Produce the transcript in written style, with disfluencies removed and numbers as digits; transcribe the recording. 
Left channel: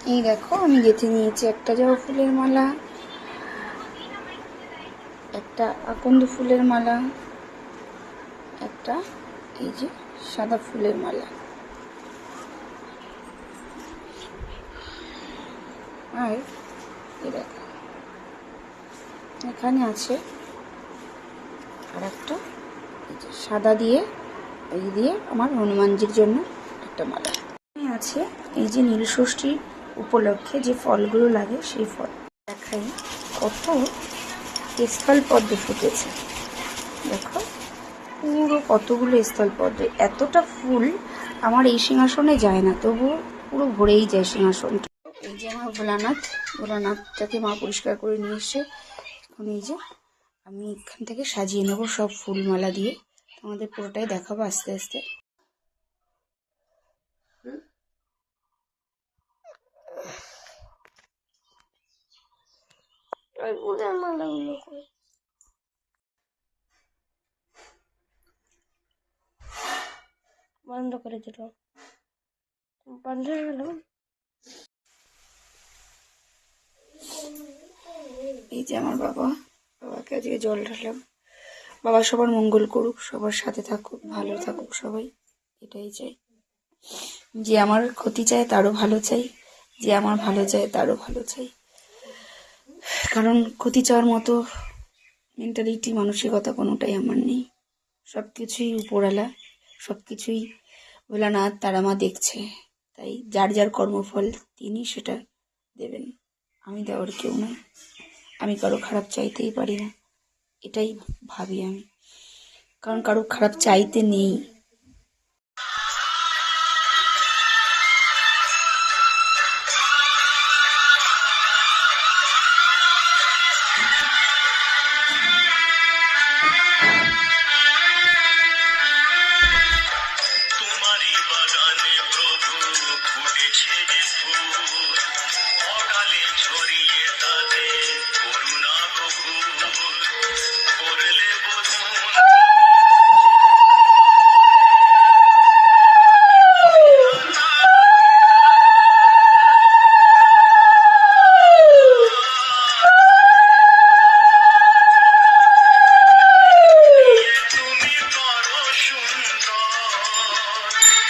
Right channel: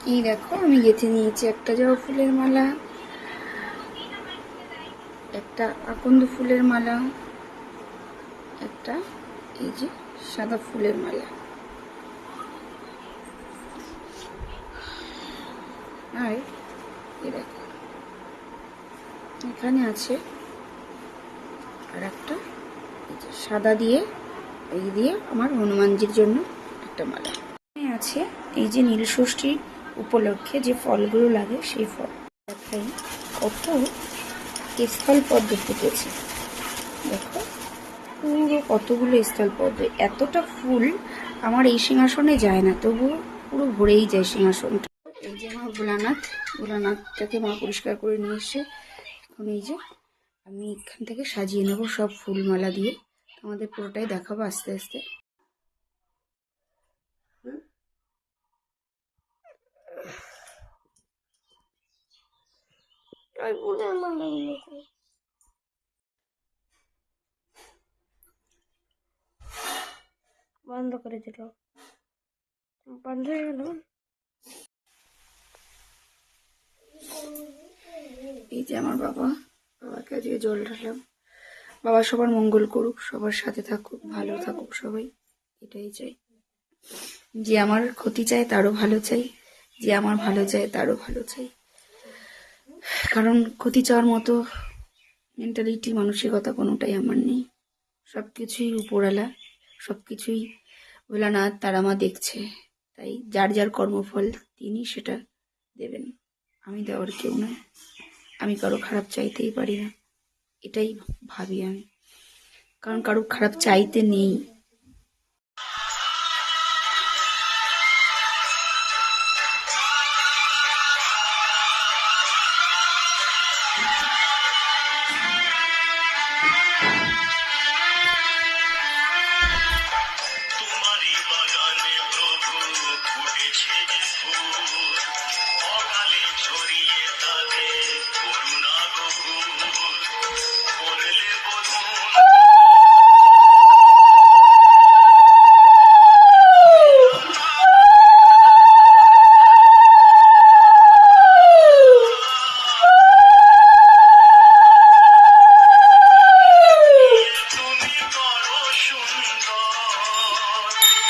এই দেখো আমি গেঁথে নিয়েছি একটা জবা ফুলের মালা, একটা আকন্দ ফুলের মালা, একটা এই যে সাদা ফুলের মালা। আর এই দেখো এখানে আছে আর একটা সাদা দিয়ে এই দিয়ে আমার হনুমানজির জন্য একটা মালা। এখানে আছে এই যে নীলষষ্ঠীর উপলক্ষে যে ফলগুলো লাগে সেই ফল দেখাই। কত স্থল পদ্ম ফুটেছে দেখো, পুরো কতগুলো স্থল পদ্ম। এতটা ফুল আমার এই সিংহাসনে যায় না, তবুও পুরো ভরেই যায় সিংহাসনটা। এই যে আমার ভোলানাথটাকে মা পরিষ্কার করে নিয়ে এসে এখন এই যে আমি এখান থেকে সাজিয়ে নেব সব ফুলমালা দিয়ে। তোমাদের পুরোটাই দেখাবো আস্তে আস্তে। বন্ধ করে দিল, বন্ধ হয়ে গেল। এই যে আমার বাবাকে আজকে জল ঢাললাম। বাবা সবার মঙ্গল করুক, সবার সাথে থাকুক, ভালো থাকুক সবাই, এটাই চাই। যে আমার ক্ষতি চায় তারও ভালো চাই, যে আমার ভালো চায় তারও ভালো চাই। কারণ ক্ষতি চাওয়ার মতো মেন্টালিটি, মানসিকতা কোনোটাই আমার নেই। সব কিছুই উপরওয়ালা, সব কিছুই ভোলানাথ তারা মা দেখছে। তাই যার যার কর্মফল তিনি সেটা দেবেন, আমি দেওয়ার কেউ নয়। আমি কারো খারাপ চাইতেই পারি না, এটাই ভাবি আমি। কারণ কারো খারাপ চাইতে নেই।